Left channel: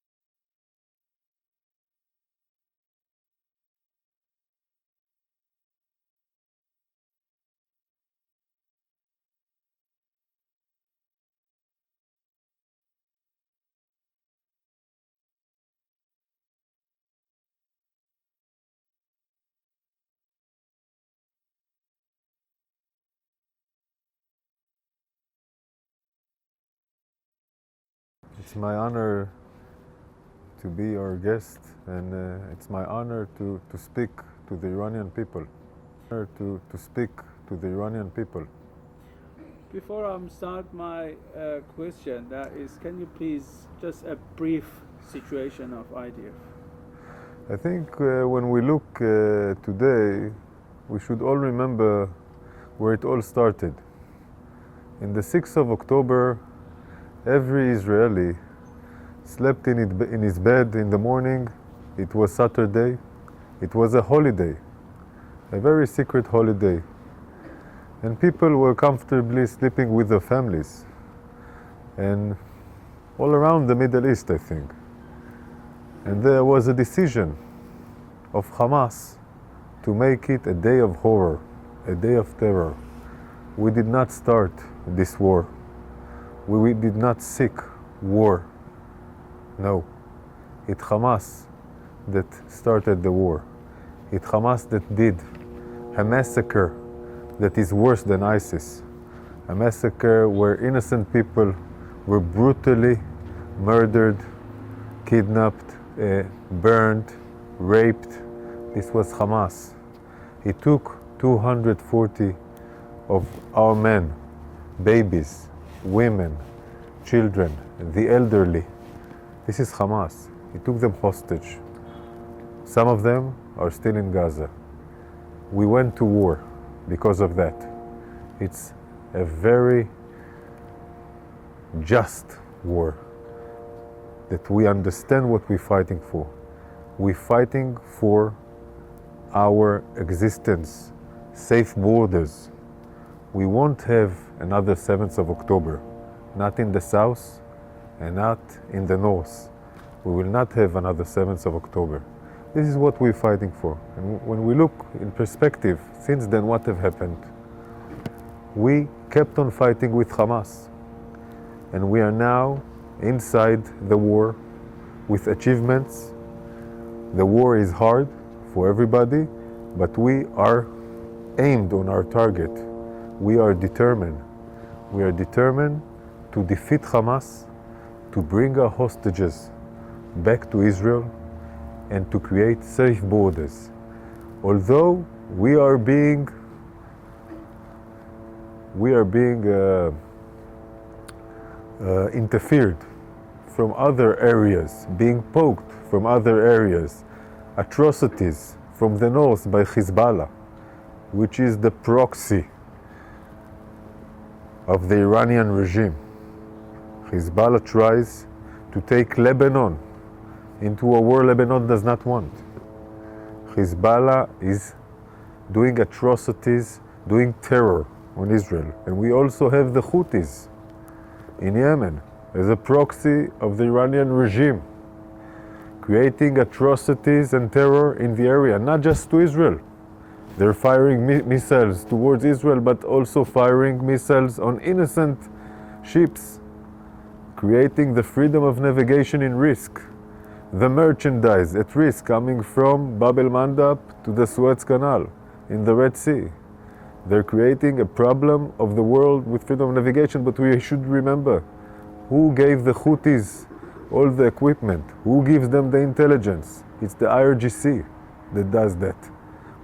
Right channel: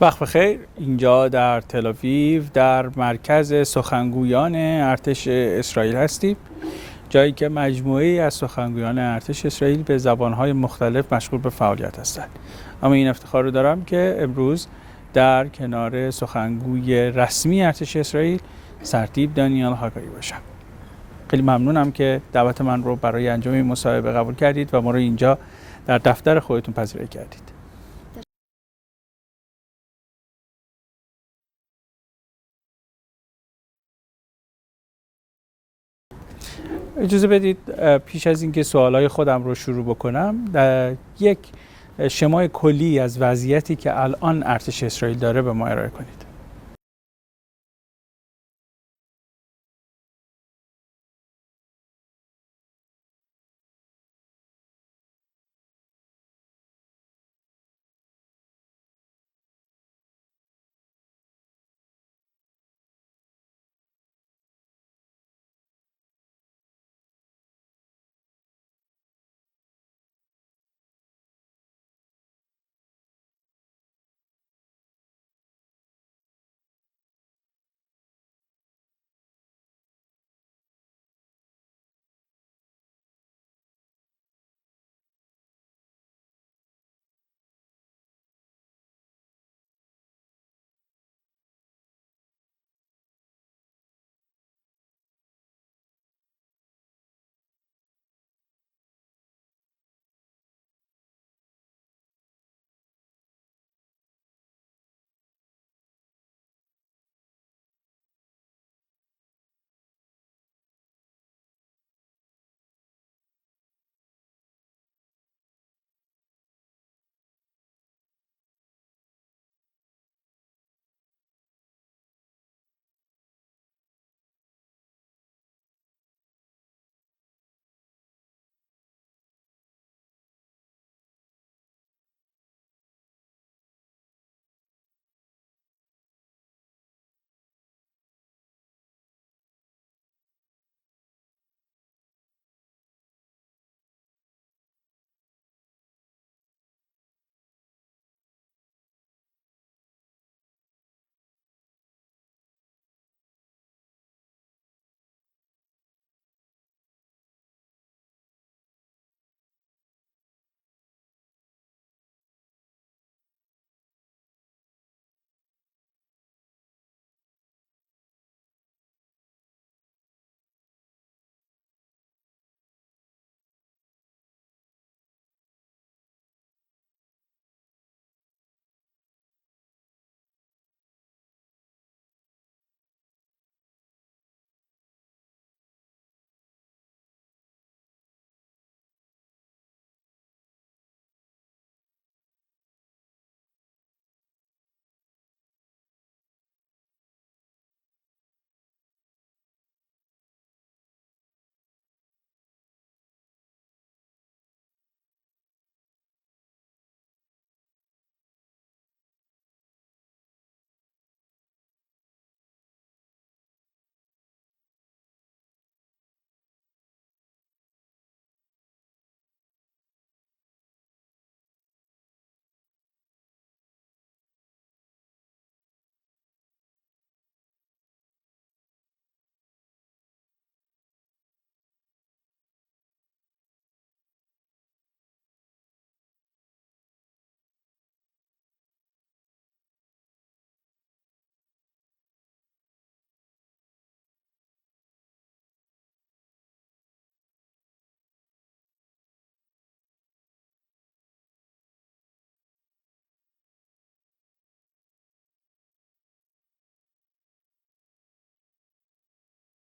وقت بخیر. اینجا در تل آویو در مرکز سخنگویان ارتش اسرائیل هستیم، جایی که مجموعه‌ای از سخنگویان ارتش اسرائیل به زبان‌های مختلف مشغول به فعالیت هستند. اما این افتخار رو دارم که امروز در کنار سخنگوی رسمی ارتش اسرائیل سرتیپ دانیال هاگاری باشم. خیلی ممنونم که دعوت من رو برای انجام این مصاحبه قبول کردید و ما رو اینجا در دفتر خودتون پذیرایی کردید. It's my honor to be your guest and it's my honor to speak to the Iranian people. اجازه بدید پیش از اینکه سوالای خودم رو شروع بکنم یک شمای کلی از وضعیتی که الان ارتش اسرائیل داره به ما ارائه کنید. I think when we look today we should all remember where it all started. In the 6th of October every Israeli slept in his bed in the morning. It was Saturday. It was a holiday, a very secret holiday. And people were comfortably sleeping with their families. And all around the Middle East, I think. And there was a decision of Hamas to make it a day of horror, a day of terror. We did not start this war. We did not seek war. No, it's Hamas that started the war. It's Hamas that did a massacre that is worse than ISIS. A massacre where innocent people were brutally murdered, kidnapped, burned, raped. This was Hamas. He took 240 of our men, babies, women, children, the elderly. This is Hamas. He took them hostage. Some of them are still in Gaza. We went to war because of that. It's a very just war that we understand what we're fighting for. We're fighting for our existence, safe borders. We won't have another 7th of October, not in the south and not in the north. We will not have another 7th of October. This is what we're fighting for. And when we look in perspective, since then what have happened? We kept on fighting with Hamas. And we are now inside the war with achievements. The war is hard for everybody, but we are aimed on our target. We are determined. We are determined to defeat Hamas, to bring our hostages back to Israel, and to create safe borders. Although we are being interfered from other areas, being poked from other areas, atrocities from the north by Hezbollah, which is the proxy of the Iranian regime. Hezbollah tries to take Lebanon into a war Lebanon does not want. Hezbollah is doing atrocities, doing terror on Israel. And we also have the Houthis in Yemen as a proxy of the Iranian regime, creating atrocities and terror in the area, not just to Israel. They're firing missiles towards Israel, but also firing missiles on innocent ships, creating the freedom of navigation in risk. The merchandise at risk coming from Bab el-Mandab to the Suez Canal in the Red Sea. They're creating a problem of the world with freedom of navigation, but we should remember who gave the Houthis all the equipment, who gives them the intelligence. It's the IRGC that does that.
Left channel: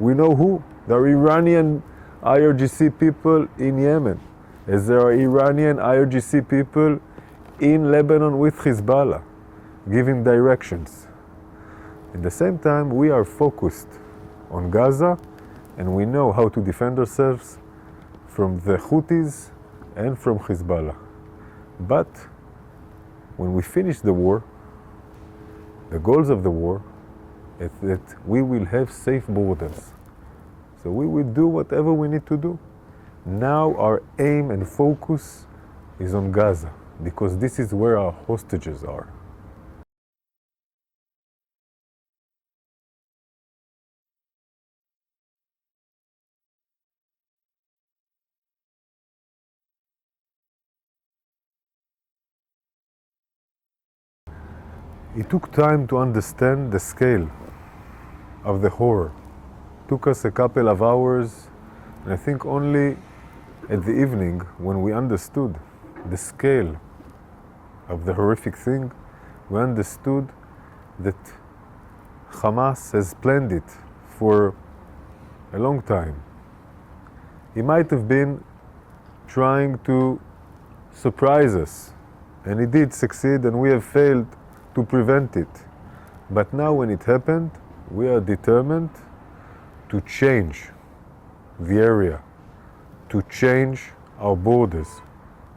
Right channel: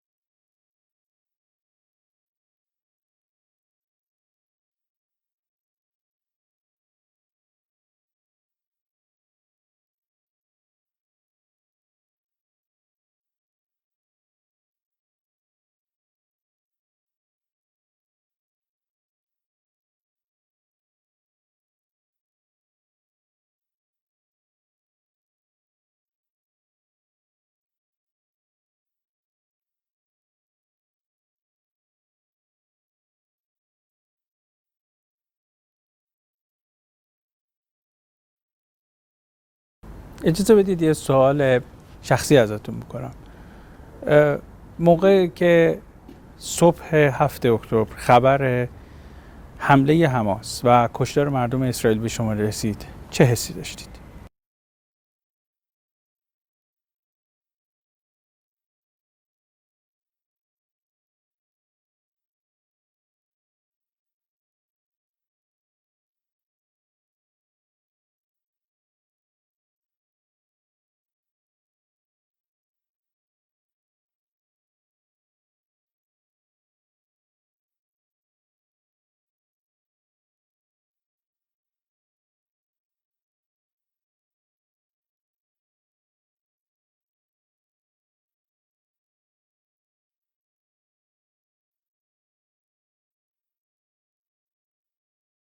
We know who. There are Iranian IRGC people in Yemen, as there are Iranian IRGC people in Lebanon with Hezbollah, giving directions. At the same time, we are focused on Gaza, and we know how to defend ourselves from the Houthis and from Hezbollah. But when we finish the war, the goals of the war is that we will have safe borders. So we will do whatever we need to do. Now our aim and focus is on Gaza, because this is where our hostages are. اجازه بدید یه سوال شخصی ازتون بکنم. موقعی که صبح 7 اکتبر خبر حمله حماس و کشتار مردم اسرائیل به شما رسید، چه حسی داشتید؟ It took time to understand the scale of the horror. It took us a couple of hours, and I think only at the evening when we understood the scale of the horrific thing, we understood that Hamas has planned it for a long time. He might have been trying to surprise us, and he did succeed, and we have failed to prevent it. But now when it happened, we are determined to change the area, to change our borders,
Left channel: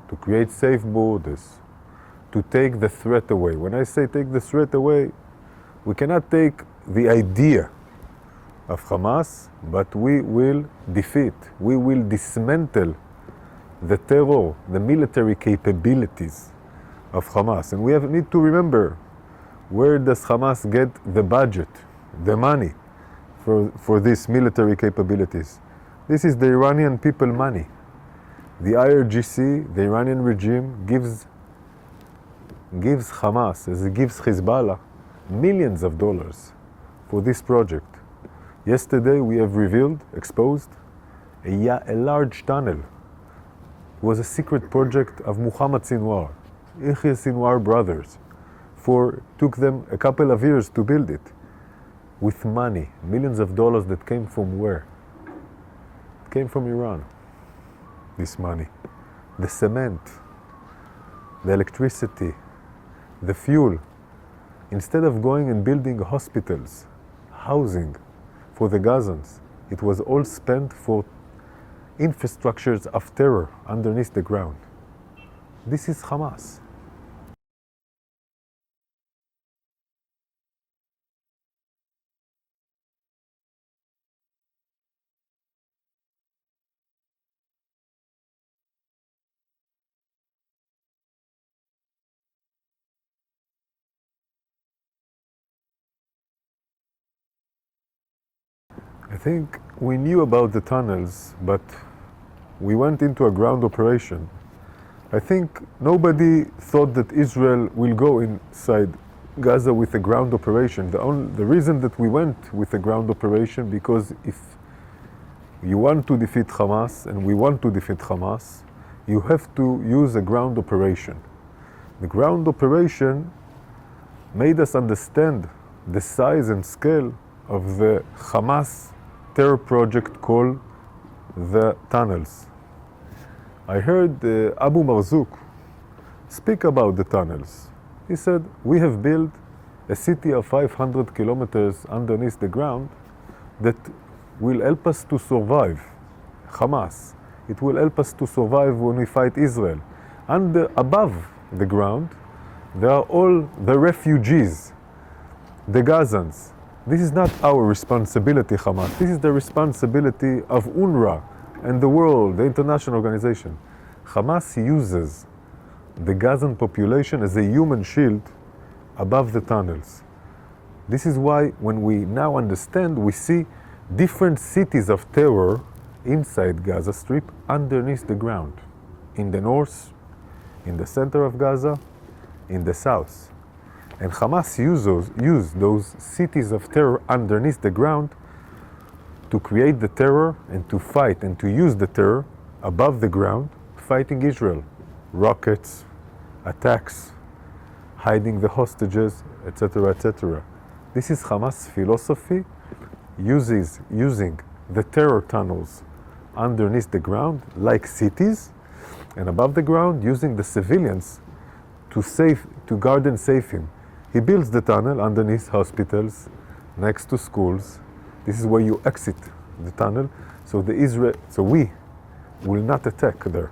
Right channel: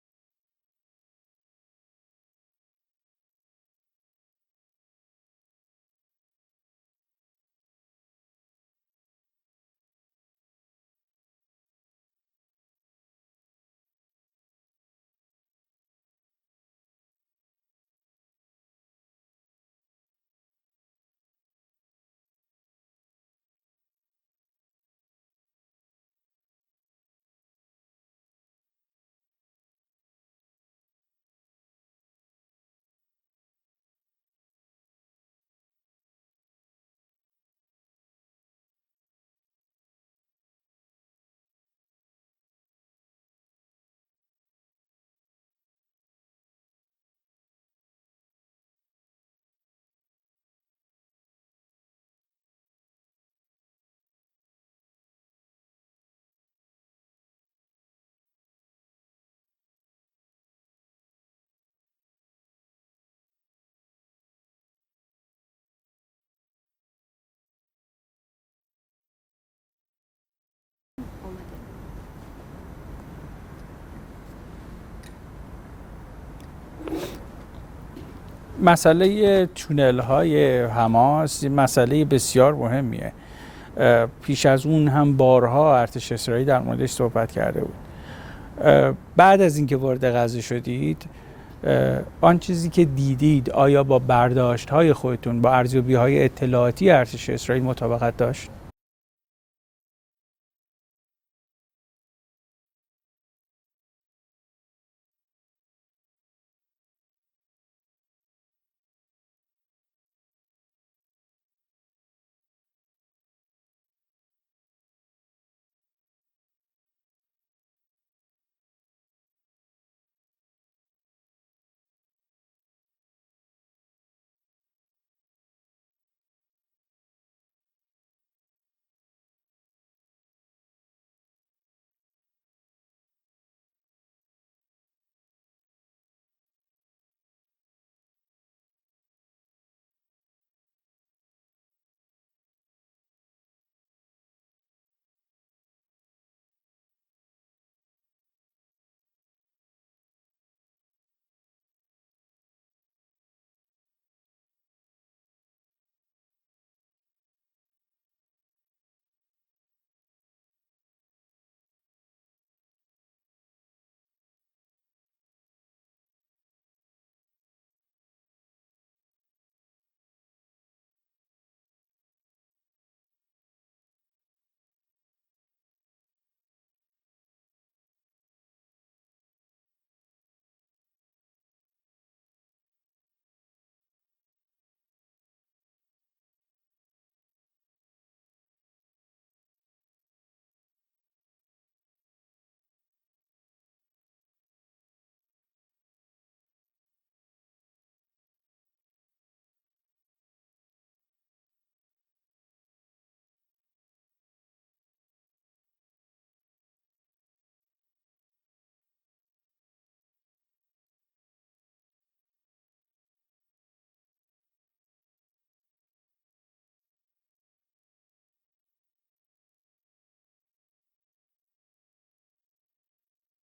to create safe borders, to take the threat away. When I say take the threat away, we cannot take the idea of Hamas, but we will defeat, we will dismantle the terror, the military capabilities of Hamas. And we need to remember, where does Hamas get the budget, the money for these military capabilities? This is the Iranian people money. The IRGC, the Iranian regime, gives Hamas, as it gives Hezbollah, millions of dollars for this project. Yesterday we have revealed, exposed, a large tunnel. It was a secret project of Muhammad Sinwar, Yahya Sinwar brothers. Took them a couple of years to build it, with money, millions of dollars that came from where? It came from Iran, this money. The cement, the electricity, the fuel. Instead of going and building hospitals, housing for the Gazans, it was all spent for infrastructures of terror underneath the ground. This is Hamas. مسئله تونل های حماس مسئله بسیار مهمیه. پیش از اون هم بارها ارتش اسرائیل در موردش صحبت کرده بود. بعد از اینکه وارد غزه شدید، آن چیزی که دیدید آیا با برداشت های خودتون، با ارزیابی های اطلاعاتی ارتش اسرائیل مطابقت داشت؟ I think we knew about the tunnels, but we went into a ground operation. I think nobody thought that Israel will go inside Gaza with a ground operation. The reason that we went with a ground operation, because if you want to defeat Hamas, and we want to defeat Hamas, you have to use a ground operation. The ground operation made us understand the size and scale of the Hamas terror project called the tunnels. I heard Abu Marzouk speak about the tunnels. He said, we have built a city of 500 kilometers underneath the ground that will help us to survive Hamas. It will help us to survive when we fight Israel. And above the ground, there are all the refugees, the Gazans. This is not our responsibility, Hamas. This is the responsibility of UNRWA and the world, the international organization. Hamas uses the Gazan population as a human shield above the tunnels. This is why when we now understand, we see different cities of terror inside Gaza Strip underneath the ground. In the north, in the center of Gaza, in the south. And Hamas used those cities of terror underneath the ground to create the terror and to fight and to use the terror above the ground, fighting Israel. Rockets, attacks, hiding the hostages, etc., etc. This is Hamas' philosophy, using the terror tunnels underneath the ground like cities, and above the ground using the civilians to guard and save him. He builds the tunnel underneath hospitals, next to schools. This is where you exit the tunnel, so we will not attack there.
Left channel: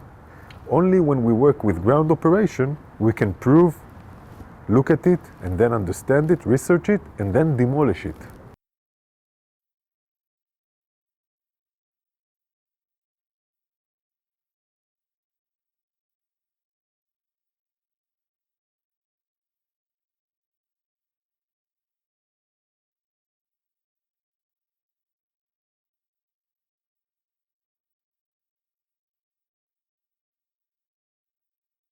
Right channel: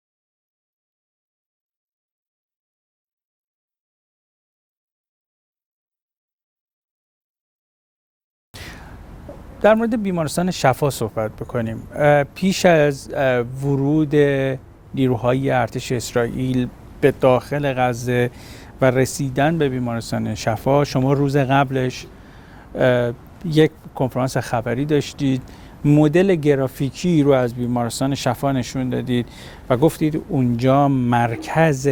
Only when we work with ground operation, we can prove, look at it, and then understand it, research it, and then demolish it. در مورد بیمارستان شفا صحبت بکنیم. پیش از ورود نیروهای ارتش اسرائیل به داخل غزه و رسیدن به بیمارستان شفا، شما روز قبلش یک کنفرانس خبری داشتید، مدل گرافیکی رو از بیمارستان شفا نشون دادید و گفتید اونجا مرکز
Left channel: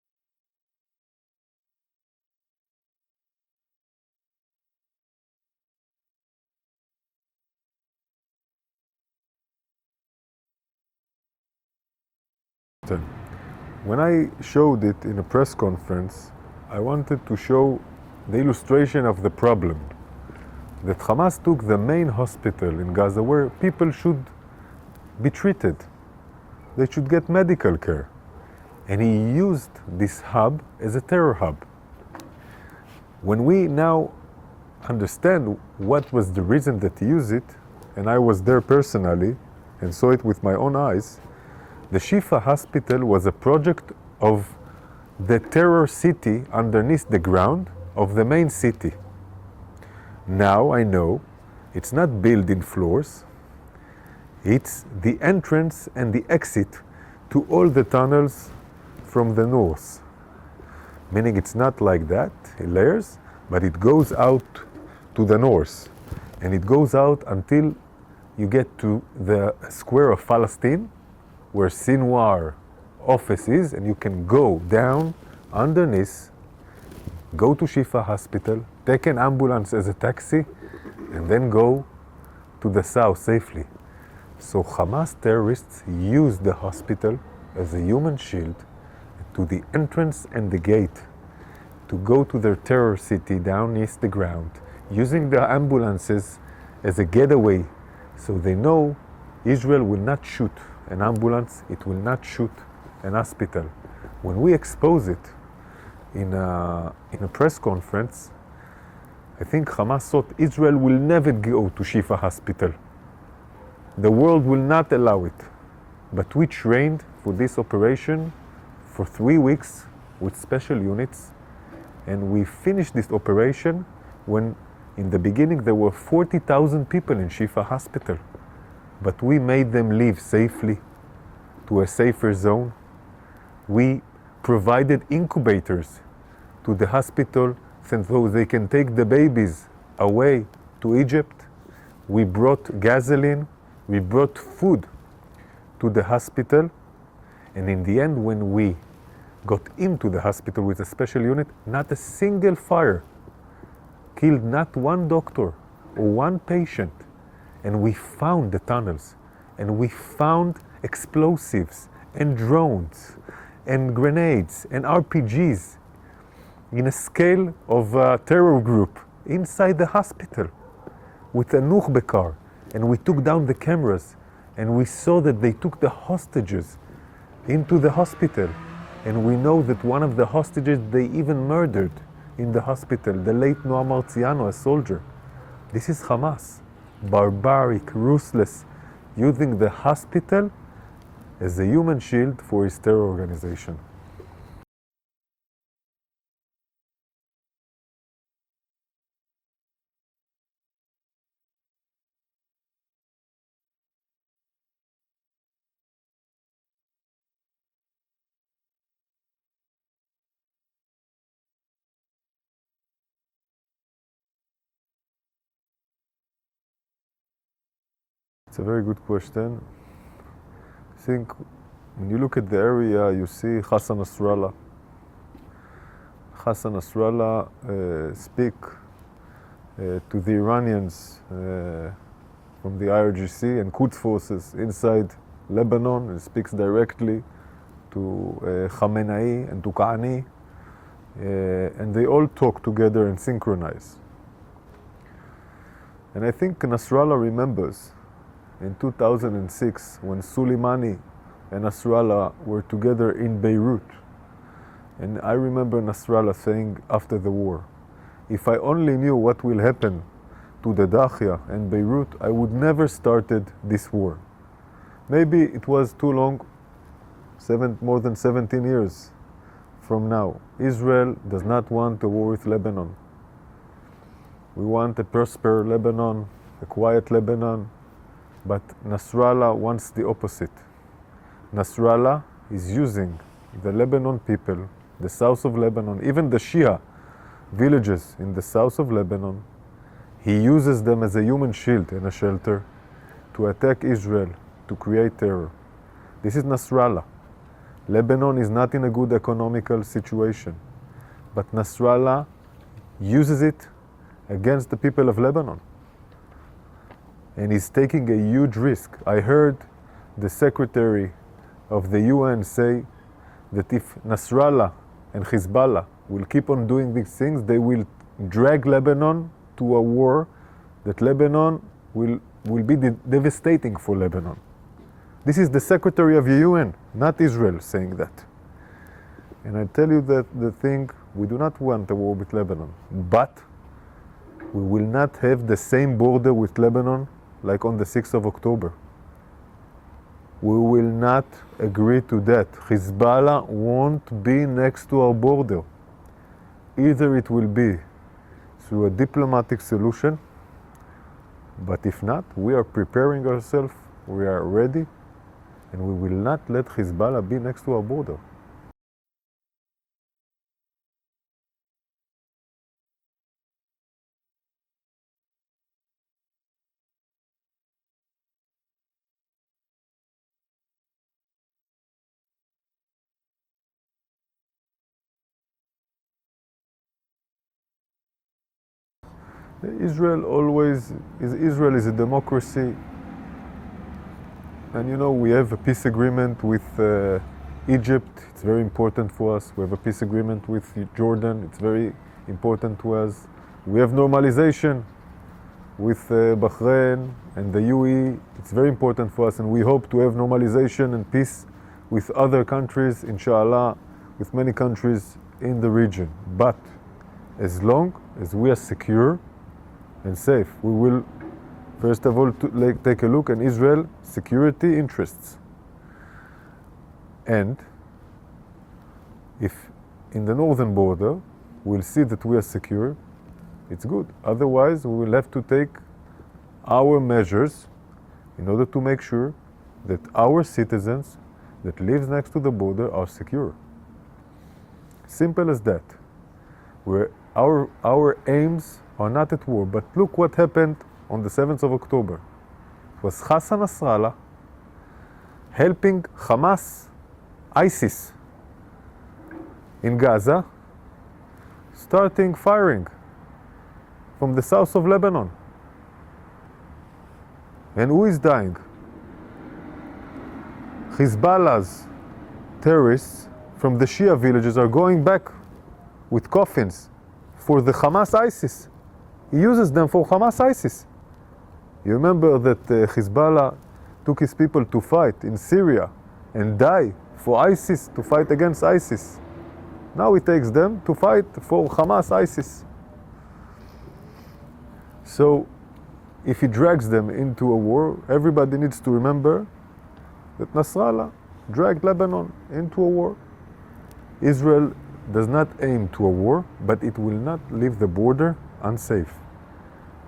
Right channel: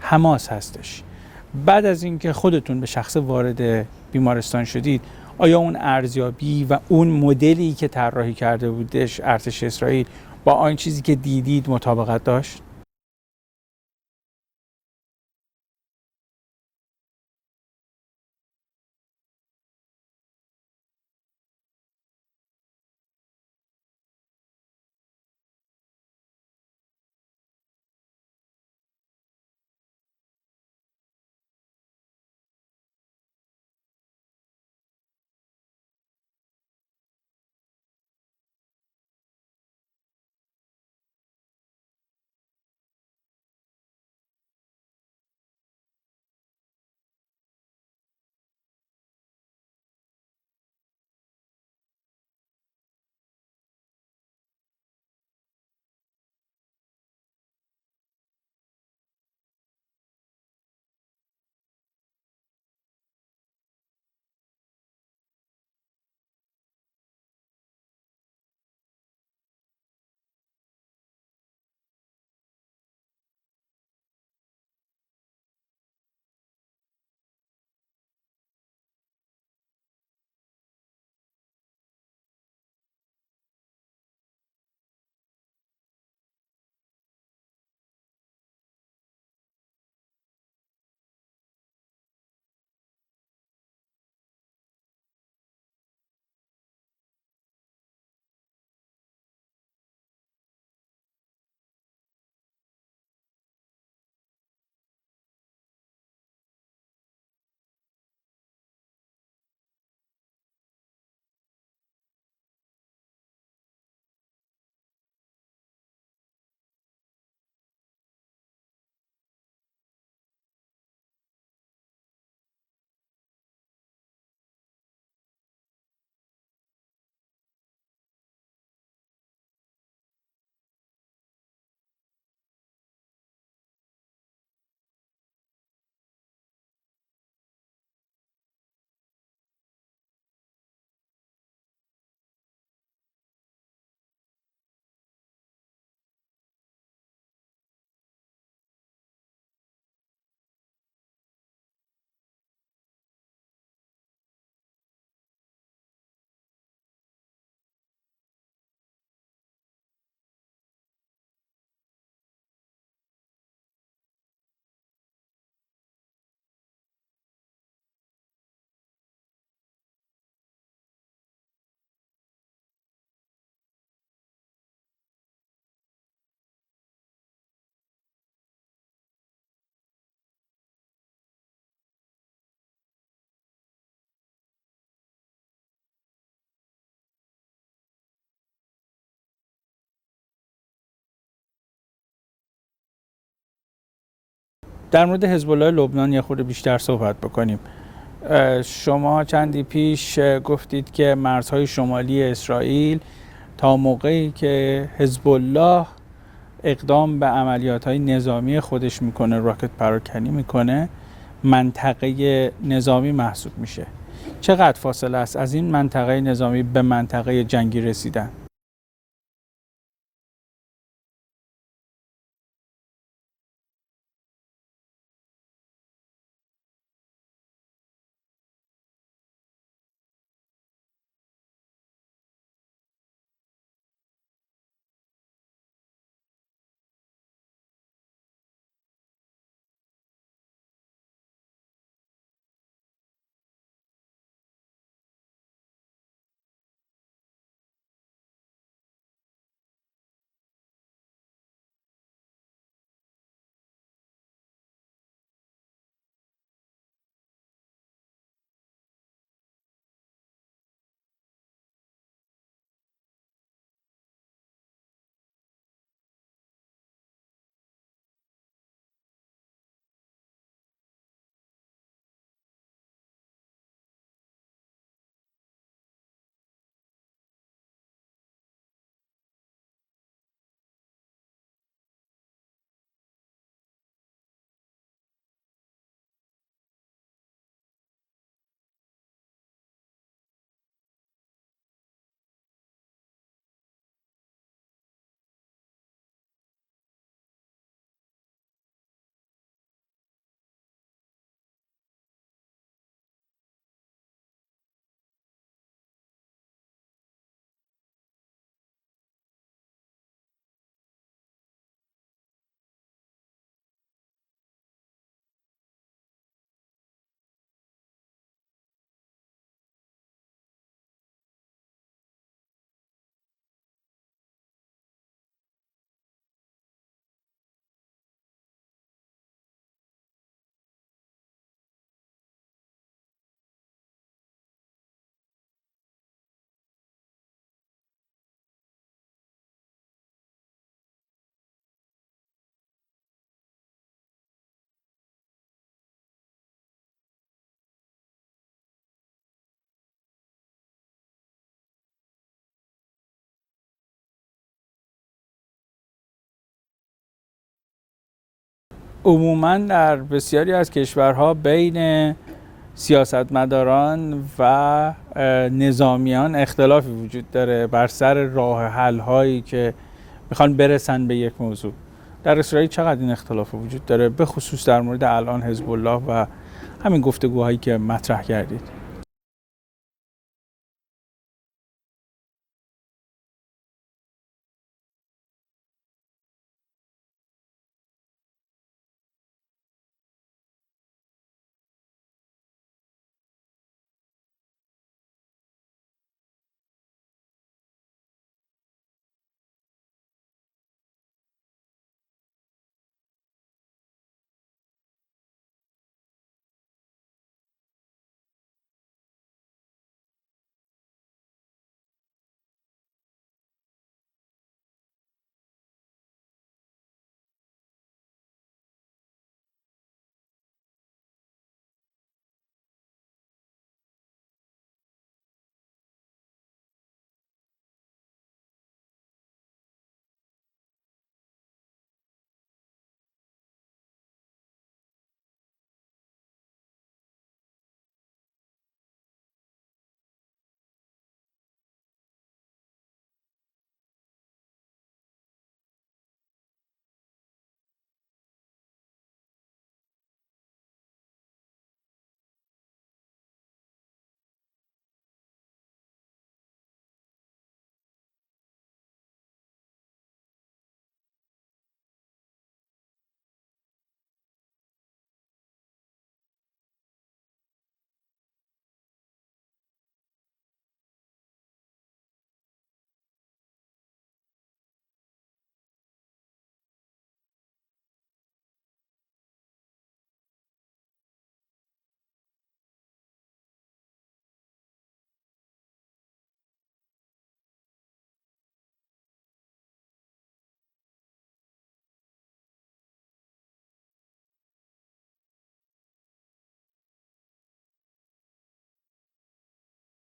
حماس هستش. بعد از اینکه خودتون به شخص وارد بیمارستان شدید، آیا اون ارزیابی و اون مدلی که طراحی کرده بودش ارتش اسرائیل با آن چیزی که دیدید مطابقت داشت؟ When I showed it in a press conference, I wanted to show the illustration of the problem. That Hamas took the main hospital in Gaza where people should be treated. They should get medical care. And he used this hub as a terror hub. When we now understand what was the reason that he used it, and I was there personally and saw it with my own eyes, the Shifa hospital was a project of the terror city underneath the ground of the main city. Now I know it's not built in floors, it's the entrance and the exit to all the tunnels from the north. Meaning it's not like that, in layers, but it goes out to the north. And it goes out until you get to the square of Palestine, where Sinwar office is, and you can go down underneath, go to Shifa Hospital, take an ambulance as a taxi, and then go to the south safely. So Hamas terrorists use the hospital as a human shield to the entrance and the gate to go to their terror city down neath the ground, using the ambulances as a getaway, so they know Israel will not shoot an ambulance, it will not shoot an hospital. When we expose it in a press conference, I think Hamas thought Israel will never go to Shifa Hospital. The world will not allow it. But we trained for this operation for 3 weeks with special units, and we finished this operation when in the beginning there were 40,000 people in Shifa Hospital. But we made them leave safely to a safer zone. We provided incubators to the hospital so they can take the babies away to Egypt. We brought gasoline, we brought food to the hospital, and in the end when we got into the hospital with a special unit, not a single fire killed not one doctor or one patient. And we found the tunnels, and we found explosives and drones and grenades and RPGs in a scale of a terror group inside the hospital with a Nukhbe car. And we took down the cameras, and we saw that they took the hostages into the hospital. And we know that one of the hostages they even murdered in the hospital, the late Noam Marziano, a soldier. This is Hamas. Barbaric, ruthless, using the hospital as a human shield for his terror organization. در مورد حزب الله لبنان یه خورده بیشتر صحبت بکنیم. شما چندی پیش گفتید که مرزهای شمالی اسرائیل تا موقعی که حزب الله اقدام به عملیات‌های نظامی خودش میکنه، راکت پراکنی میکنه، منطقه نظامی محسوب میشه. چقدر فاصله است از این منطقه نظامی به منطقه جنگی رسیدن؟ It's a very good question. I think when you look at the area, you see Hassan Nasrallah. Hassan Nasrallah speak to the Iranians from the IRGC and Quds forces inside Lebanon, and speaks directly to Khamenei and to Qani, and they all talk together and synchronize. And I think Nasrallah remembers in 2006 when Soleimani and Nasrallah were together in Beirut. And I remember Nasrallah saying after the war, if I only knew what will happen to the Dakhia and Beirut, I would never started this war. Maybe it was too long, more than 17 years from now. Israel does not want a war with Lebanon. We want a prosperous Lebanon, a quiet Lebanon, but Nasrallah wants the opposite. Nasrallah is using the Lebanon people the south of Lebanon, even the Shia villages in the south of Lebanon, he uses them as a human shield and a shelter to attack Israel, to create terror. This is Nasrallah. Lebanon is not in a good economical situation, but Nasrallah uses it against the people of Lebanon. And he's taking a huge risk. I heard the secretary of the UN say that if Nasrallah and Hezbollah will keep on doing these things, they will drag Lebanon to a war that Lebanon will be devastating for Lebanon. This is the secretary of the UN, not Israel, saying that. And I tell you that the thing, we do not want a war with Lebanon, but we will not have the same border with Lebanon like on the 6th of October. We will not agree to that. Hezbollah won't be next to our border. Either it will be through a diplomatic solution, but if not, we are preparing ourselves, we are ready, and we will not let Hezbollah be next to our border. عموماً در بسیاری از کشورها بین سیاستمداران و نظامیان اختلافی وجود داره بر سر راه حل هایی که میخوان برسن به یک موضوع. در اسرائیل چقدر این اختلاف وجود داره، به خصوص در مورد الان حزب الله و همین گفتگوهایی که مطرح کردید؟ Israel is a democracy, and you know we have a peace agreement with Egypt. It's very important for us. We have a peace agreement with Jordan. It's very important to us. We have normalization with Bahrain and the UAE. It's very important for us, and we hope to have normalization and peace with other countries, inshallah, with many countries in the region. But as long as we are secure and safe, we will first of all take a look at Israel's security interests. And if in the northern border we'll see that we are secure, it's good. Otherwise, we will have to take our measures in order to make sure that our citizens that live next to the border are secure. Simple as that. Our aims are not at war, but look what happened on the 7th of October. It was Hassan Nasrallah helping Hamas, ISIS, in Gaza, starting firing from the south of Lebanon. And who is dying? Hezbollah's terrorists from the Shia villages are going back with coffins for the Hamas ISIS. He uses them for Hamas ISIS. You remember that Hezbollah took his people to fight in Syria and die for ISIS, to fight against ISIS. Now he takes them to fight for Hamas ISIS. So if he drags them into a war, everybody needs to remember that Nasrallah dragged Lebanon into a war. Israel does not aim to a war, but it will not leave the border unsafe.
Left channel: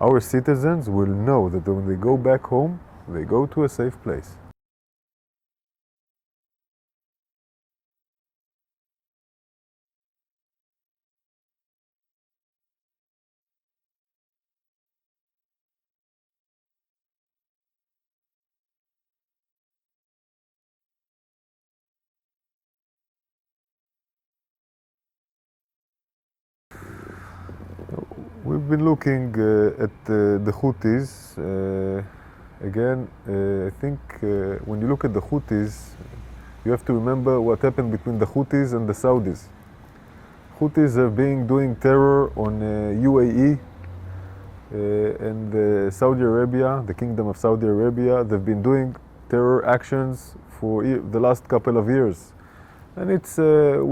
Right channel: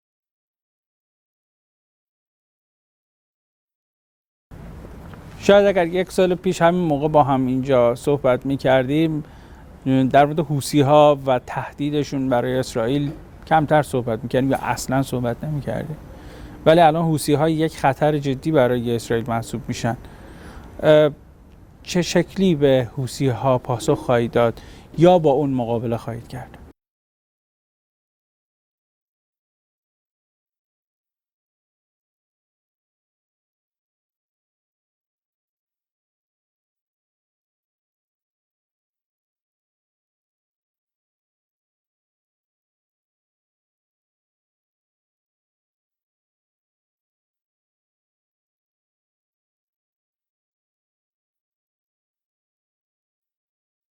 Our citizens will know that when they go back home, they go to a safe place. شاید اگر یک سال پیش همین موقع با هم اینجا صحبت می‌کردیم در مورد حوثی‌ها و تهدیدشون برای اسرائیل کمتر صحبت می‌کردیم یا اصلاً صحبت نمی‌کردیم. ولی الان حوثی‌ها یک خطر جدی برای اسرائیل محسوب میشن. چه شکلی به حوثی‌ها پاسخ خواهید داد یا با اون مقابله خواهید کرد؟ We've been looking at the Houthis. Again, I think when you look at the Houthis, you have to remember what happened between the Houthis and the Saudis. Houthis are doing terror on UAE and Saudi Arabia, the Kingdom of Saudi Arabia. They've been doing terror actions for the last couple of years. And it's,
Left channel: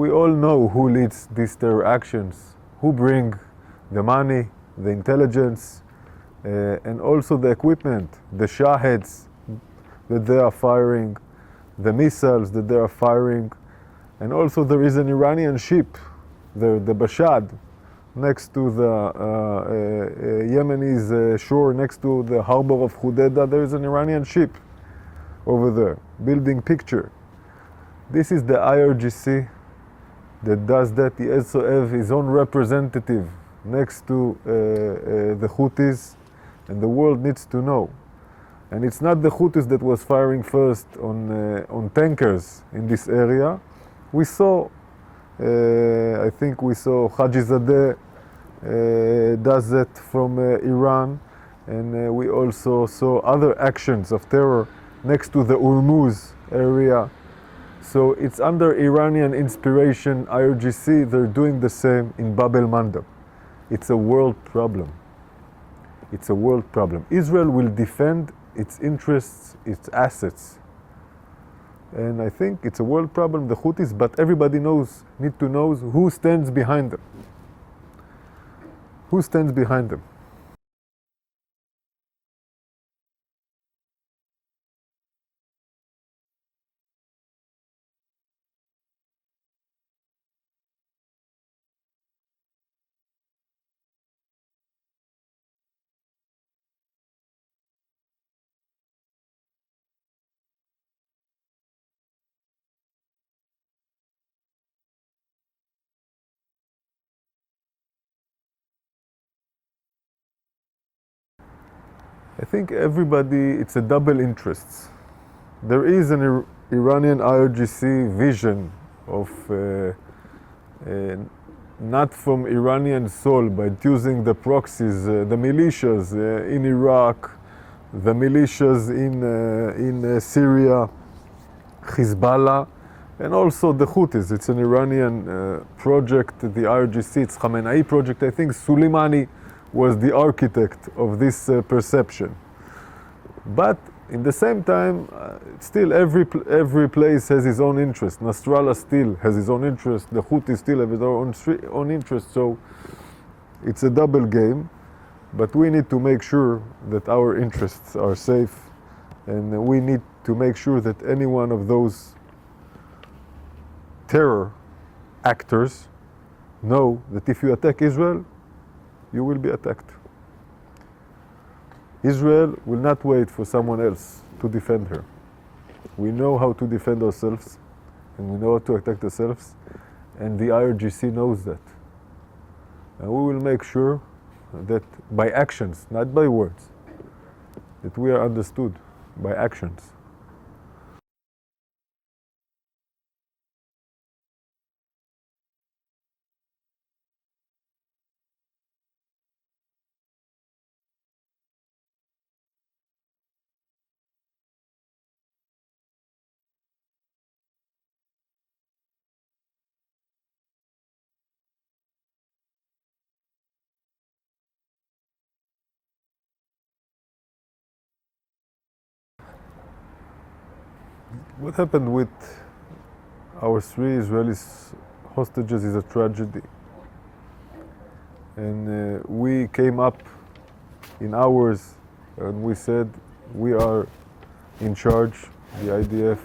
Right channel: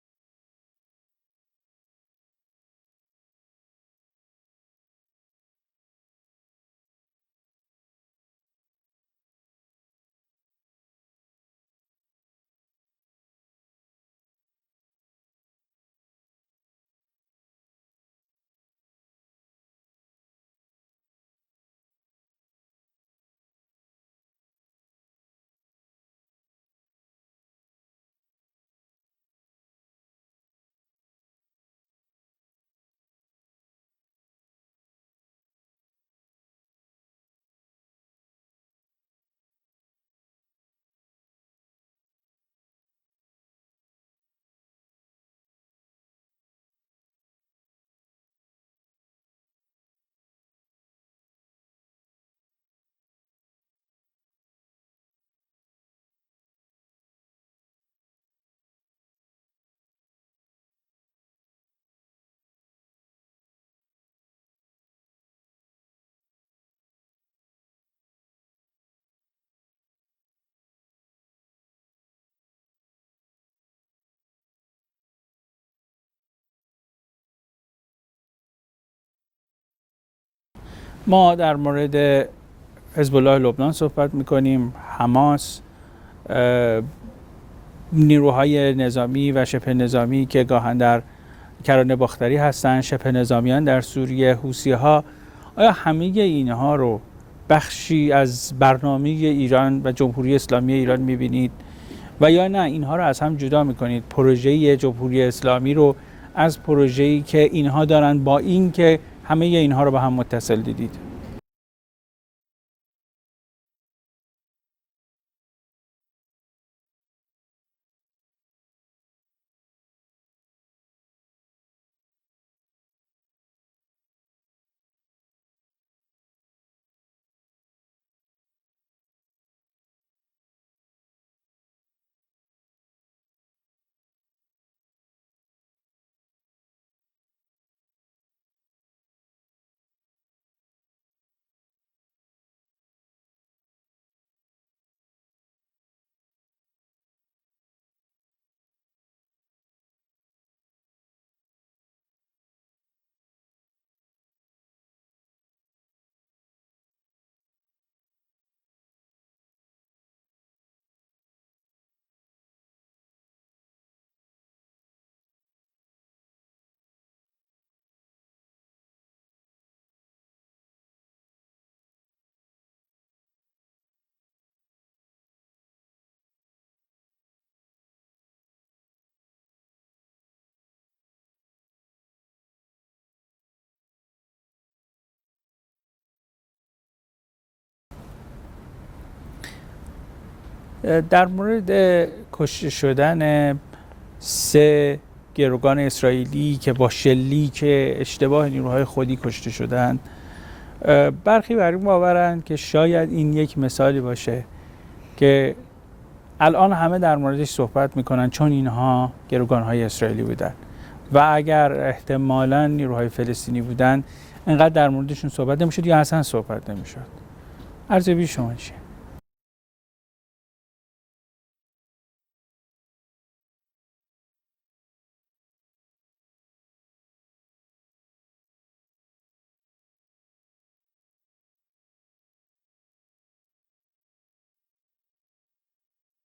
we all know who leads these terror actions, who bring the money, the intelligence, and also the equipment, the shaheds that they are firing, the missiles that they are firing, and also there is an Iranian ship, the Bashad, next to the Yemeni's shore, next to the harbor of Hudaydah. There is an Iranian ship over there, building picture. This is the IRGC that does that, he also have his own representative next to the Houthis, and the world needs to know. And it's not the Houthis that was firing first on tankers in this area. We saw, I think we saw Hajizadeh does that from Iran, and we also saw other actions of terror next to the Hormuz area. So it's under Iranian inspiration, IRGC, they're doing the same in Bab el-Mandab. It's a world problem. It's a world problem. Israel will defend its interests, its assets. And I think it's a world problem, the Houthis, but everybody need to know who stands behind them. Who stands behind them? ما در مورد حزب الله لبنان صحبت میکنیم، حماس، نیروهای نظامی و شبه نظامی که گاهن در کرانه باختری هستند، شبه نظامیان در سوریه، حوثی‌ها. آیا همه اینها رو بخشی از برنامه ایران و جمهوری اسلامی ایران میبینید و یا نه اینها رو از هم جدا میکنید؟ پروژه جمهوری اسلامی رو از پروژه‌ای که اینها دارن با این که همه اینها رو با هم متصل دیدید؟ I think everybody, it's a double interest. There is an Iranian IRGC vision of not from Iranian soul, but using the proxies, the militias in Iraq, the militias in Syria, Hezbollah, and also the Houthis. It's an Iranian project, the IRGC, it's Khamenei project. I think Soleimani was the architect of this perception. But in the same time, still every place has his own interest. Nasrallah still has his own interest. The Houthis still have their own interest. So it's a double game. But we need to make sure that our interests are safe. And we need to make sure that any one of those terror actors know that if you attack Israel, you will be attacked. Israel will not wait for someone else to defend her. We know how to defend ourselves, and we know how to protect ourselves, and the IRGC knows that. And we will make sure that by actions, not by words, that we are understood by actions. در مورد کشته شدن 3 گروگان اسرائیلی که با شلیک اشتباه نیروهای خودی کشته شدند، برخی بر این باورند که شاید این یک مثالی باشه که الان همه در موردش صحبت میکنن چون اینها گروگانهای اسرائیلی بودن و اگر احتمالاً نیروهای فلسطینی بودن اینقدر در موردشون صحبت نمیشد یا اصلا صحبت نمیشد. ارزیابی شما چیه؟ What happened with our 3 Israeli hostages is a tragedy. And we came up in hours and we said we are in charge, the IDF.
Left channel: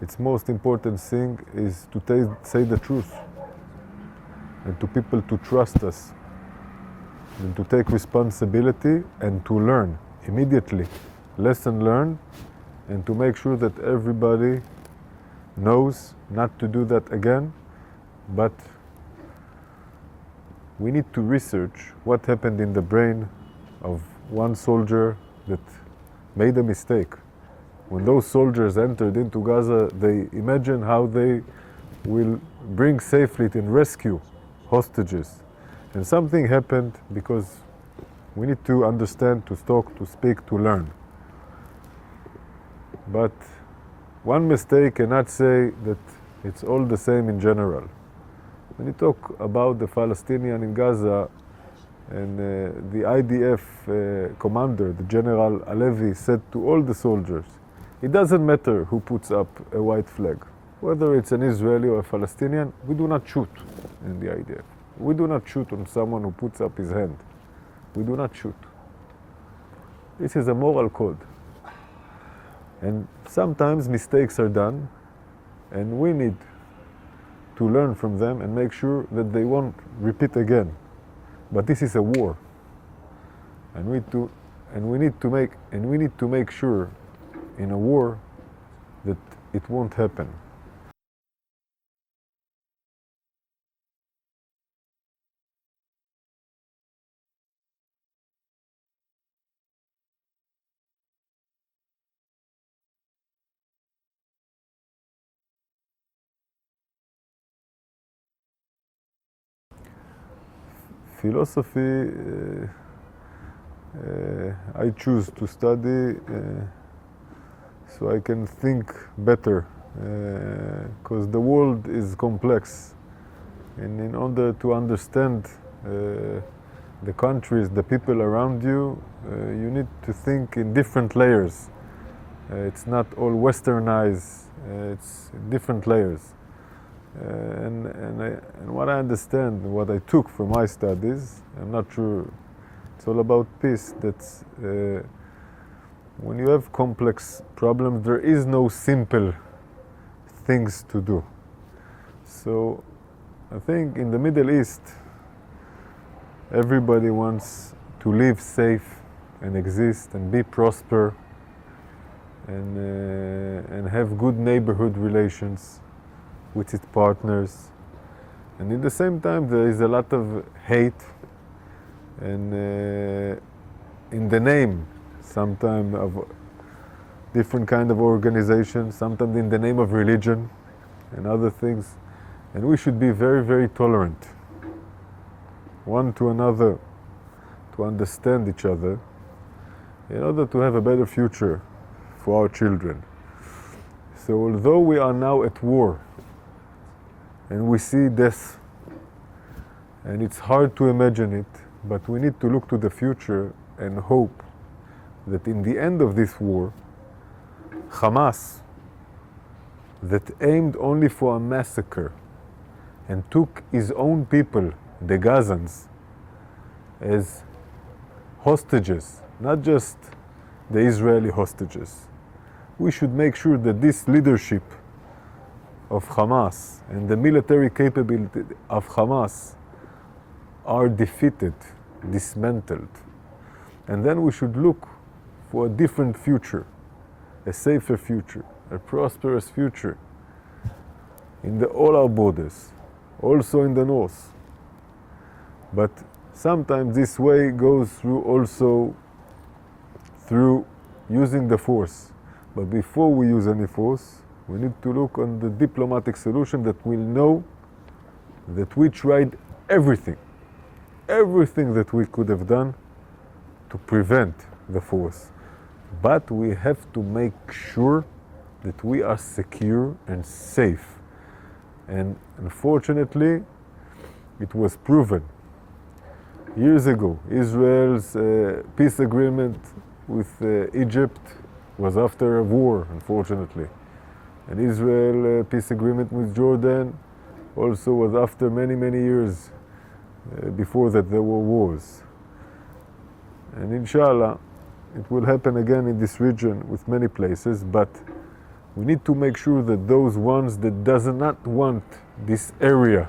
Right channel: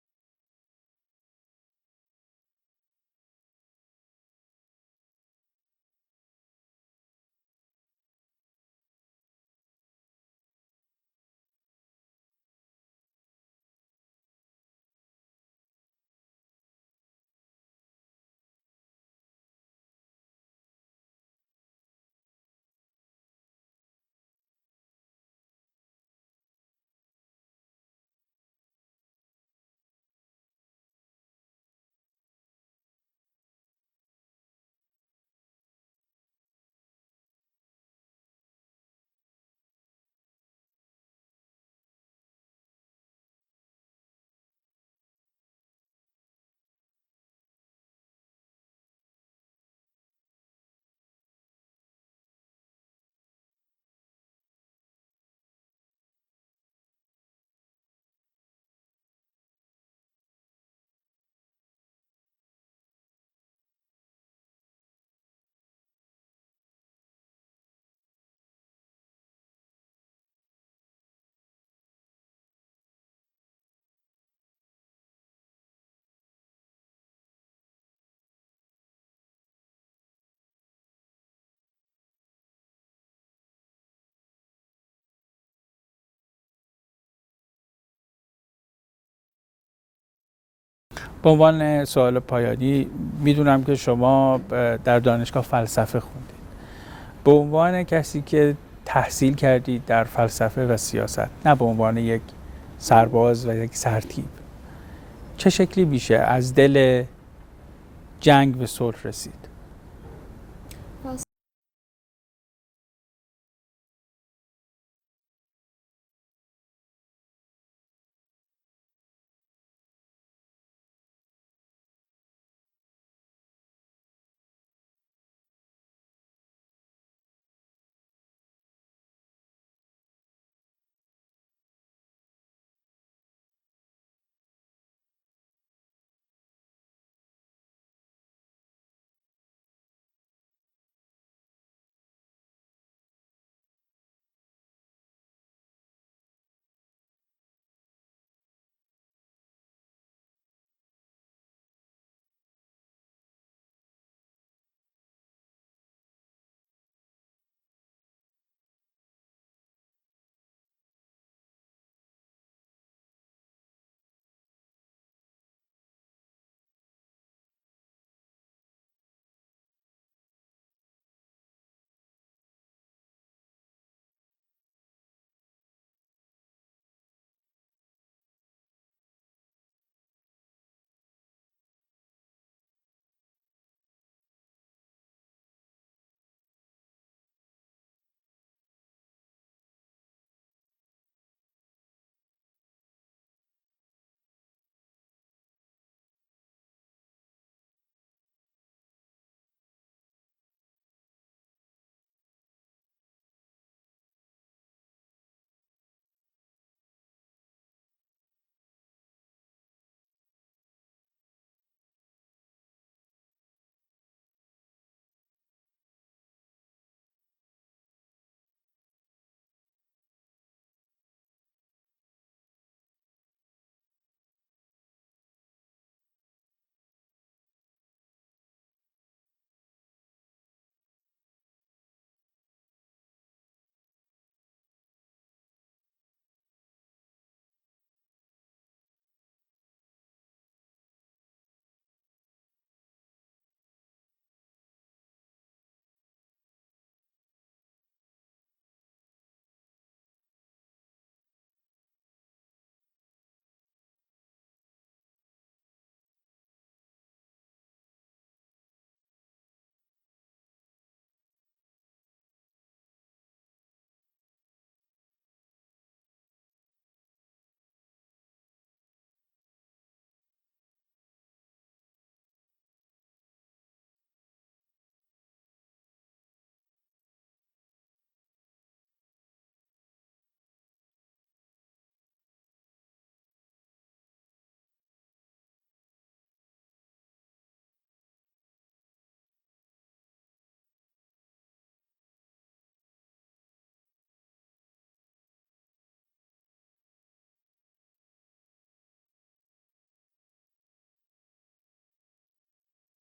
Its most important thing is to say the truth and to people to trust us and to take responsibility and to learn immediately, lesson learned, and to make sure that everybody knows not to do that again. But we need to research what happened in the brain of one soldier that made a mistake. When those soldiers entered into Gaza, they imagined how they will bring safely and rescue hostages. And something happened because we need to understand, to talk, to speak, to learn. But one mistake cannot say that it's all the same in general. When you talk about the Palestinian in Gaza, and the IDF commander, the General Alevi, said to all the soldiers, it doesn't matter who puts up a white flag. Whether it's an Israeli or a Palestinian, we do not shoot in the IDF. We do not shoot on someone who puts up his hand. We do not shoot. This is a moral code. And sometimes mistakes are done, and we need to learn from them and make sure that they won't repeat again. But this is a war, and we need to make sure in a war that it won't happen. به عنوان سوال پایانی، میدونم که شما در دانشگاه فلسفه خوندید. به عنوان کسی که تحصیل کردید در فلسفه و سیاست، نه به عنوان یک سرباز و یک سرتیپ، چه شکلی میشه از دل جنگ به صلح رسید؟ Philosophy, I choose to study so I can think better, because the world is complex, and in order to understand the countries, the people around you, you need to think in different layers. It's not all westernized, it's different layers. And what I understand, what I took from my studies, I'm not sure, it's all about peace. That's when you have complex problems, there is no simple things to do. So I think in the Middle East, everybody wants to live safe and exist and be prosper and have good neighborhood relations with its partners. And in the same time, there is a lot of hate and in the name sometimes of different kind of organizations, sometimes in the name of religion and other things. And we should be very, very tolerant one to another, to understand each other in order to have a better future for our children. So although we are now at war and we see death, and it's hard to imagine it, but we need to look to the future and hope that in the end of this war, Hamas, that aimed only for a massacre and took his own people, the Gazans, as hostages, not just the Israeli hostages. We should make sure that this leadership of Hamas and the military capability of Hamas are defeated, dismantled. And then we should look for a different future, a safer future, a prosperous future in all our borders, also in the north. But sometimes this way goes through also through using the force. But before we use any force, we need to look on the diplomatic solution that will know that we tried everything that we could have done to prevent the force. But we have to make sure that we are secure and safe. And unfortunately, it was proven. Years ago, Israel's peace agreement with Egypt was after a war, unfortunately. And Israel peace agreement with Jordan also was after many, many years. Before that there were wars. And inshallah, it will happen again in this region with many places, but we need to make sure that those ones that does not want this area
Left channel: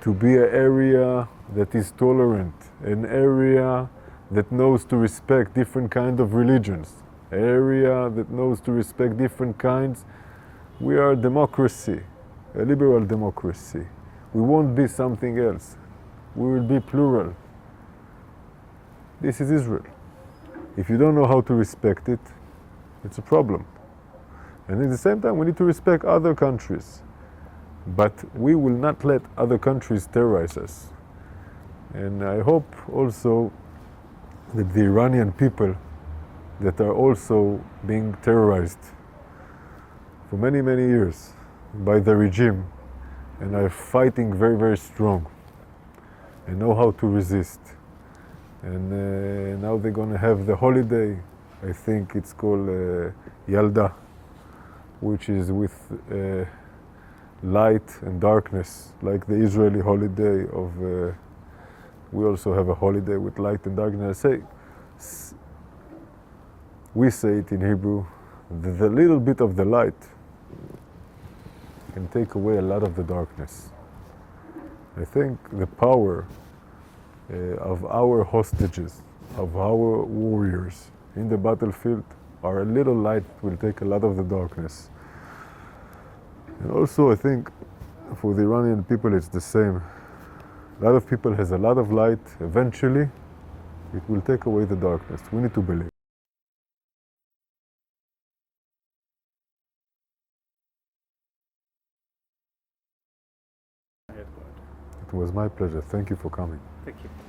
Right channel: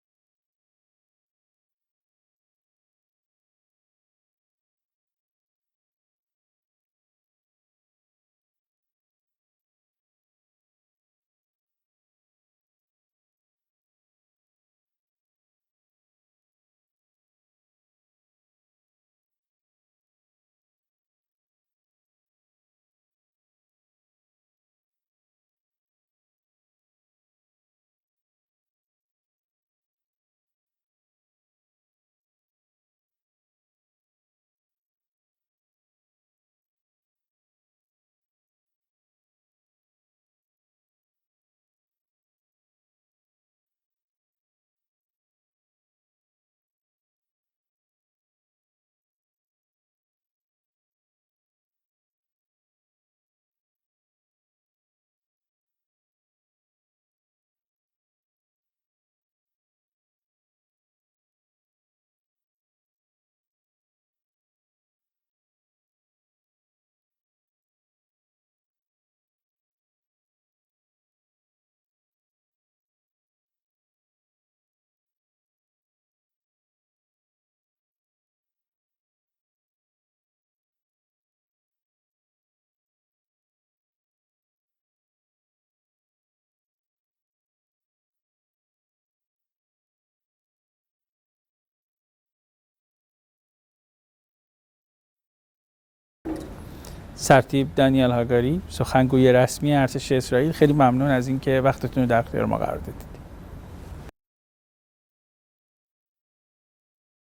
to be an area that is tolerant, an area that knows to respect different kinds of religions, an area that knows to respect different kinds. We are a democracy, a liberal democracy. We won't be something else. We will be plural. This is Israel. If you don't know how to respect it, it's a problem. And at the same time, we need to respect other countries. But we will not let other countries terrorize us. And I hope also that the Iranian people that are also being terrorized for many, many years by the regime and are fighting very, very strong and know how to resist. And now they're going to have the holiday, I think it's called Yelda, which is with light and darkness, like the Israeli holiday of, we also have a holiday with light and darkness. We say it in Hebrew, the little bit of the light can take away a lot of the darkness. I think the power of our hostages, of our warriors in the battlefield are a little light will take a lot of the darkness. And also, I think for the Iranian people, it's the same. A lot of people has a lot of light. Eventually, it will take away the darkness. We need to believe. سرتیپ دانیال هاگاری، سخنگوی رسمی ارتش اسرائیل، خیلی ممنون از اینکه وقتتون رو در اختیار ما قرار دادید. It was my pleasure. Thank you for coming. Thank you.